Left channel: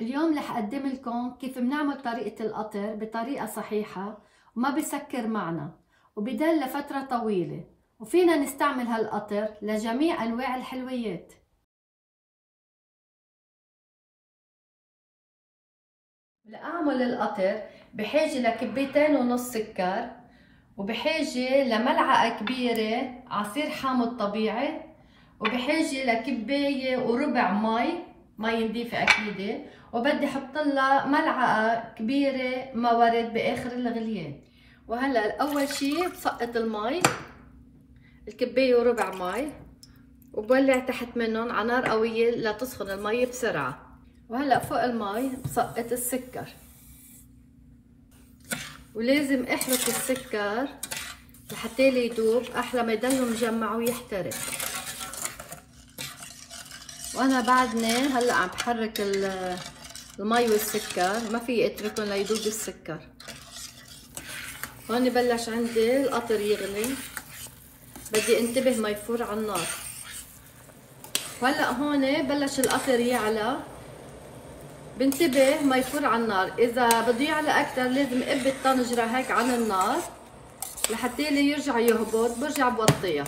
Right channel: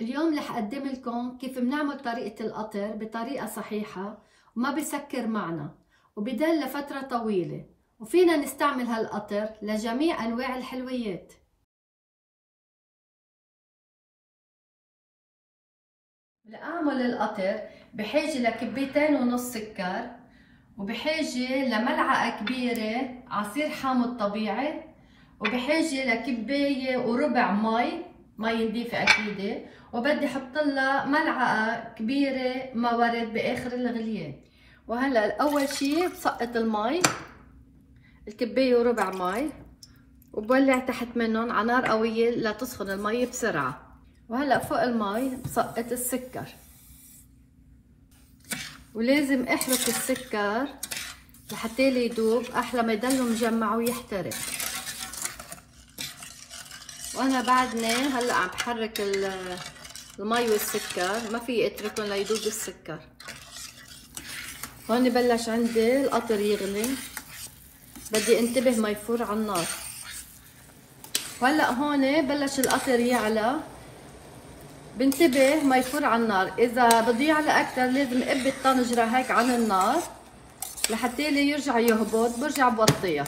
اليوم رح أقدم لكم كيف بنعمل طريقة القطر بطريقة صحيحة وما بسكر معنا وبضل لفترة طويلة، وفينا نستعمل هالقطر لجميع أنواع الحلويات. لأعمل القطر بحاجة لكبتين ونص سكر، وبحاجة لملعقة كبيرة عصير حامض طبيعي، وبحاجة لكباية وربع مي نظيفة أكيدة، وبدي أحط لها ملعقة كبيرة ما ورد بآخر الغليان. وهلا أول شي بسقط المي، الكباية وربع مي، وبولع تحت منهم على نار قوية لتسخن المي بسرعة. وهلا فوق المي بسقط السكر، ولازم احرك السكر لحتى يدوب احلى ما يضل مجمع ويحترق. وانا بعدني هلا عم بحرك المي والسكر، ما في اتركهم ليدوب السكر. هون بلش عندي القطر يغلي، بدي انتبه ما يفور على النار. وهلا هون بلش القطر يعلى، بنتبه ما يفور على النار. اذا بده يعلى اكثر لازم اقب الطنجره هيك عن النار لحتى يرجع يهبط، برجع بوطيها.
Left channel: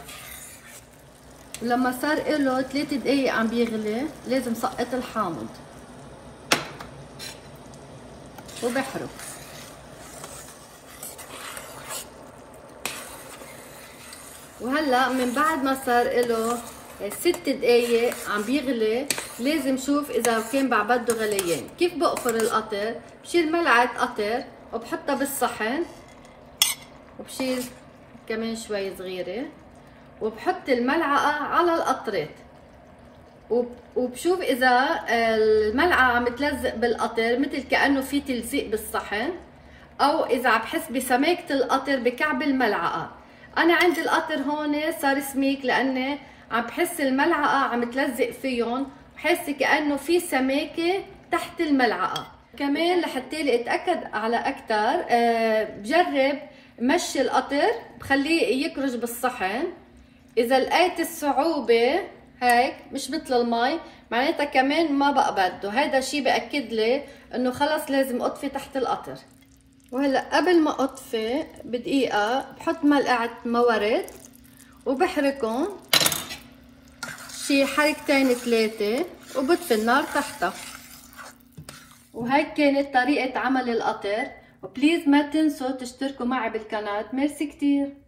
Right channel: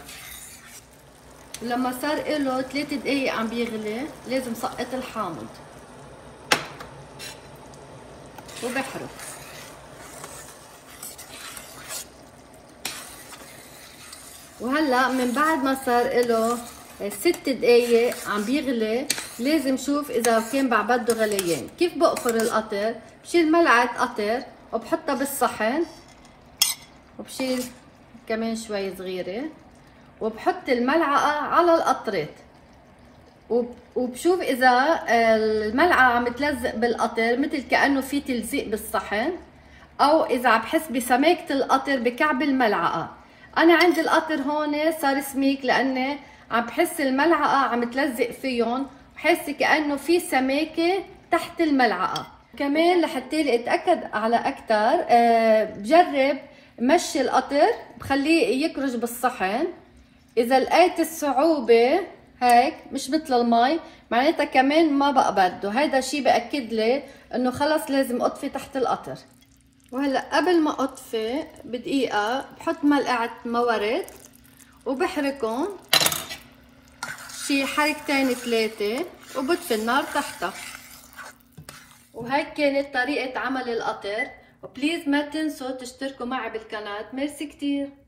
ولما صار له 3 دقايق عم بيغلي لازم سقط الحامض وبحرك. وهلا من بعد ما صار له 6 دقايق عم بيغلي، لازم شوف اذا كان بعبده غليان. كيف بقفر القطر؟ بشيل ملعقه قطر وبحطها بالصحن، وبشيل كمان شوي صغيره وبحط الملعقه على القطرات، وبشوف اذا الملعقه عم تلزق بالقطر مثل كانه في تلزيق بالصحن، او اذا عم بحس بسماكه القطر بكعب الملعقه. انا عندي القطر هون صار سميك لاني عم بحس الملعقه عم تلزق فيهم، بحس كانه في سماكه تحت الملعقه. كمان لحتى اتاكد على اكثر بجرب مشي القطر، بخليه يكرج بالصحن. اذا لقيت الصعوبه هيك مش مثل المي معناتها كمان ما بقى بده، هيدا الشيء باكد لي انه خلص لازم اطفي تحت القطر. وهلا قبل ما اطفي بدقيقه بحط ملعقه مورد وبحركهم شي حركتين 3 وبطفي النار تحتها. وهيك كانت طريقه عمل القطر، وبليز ما تنسوا تشتركوا معي بالقناه. ميرسي كتير.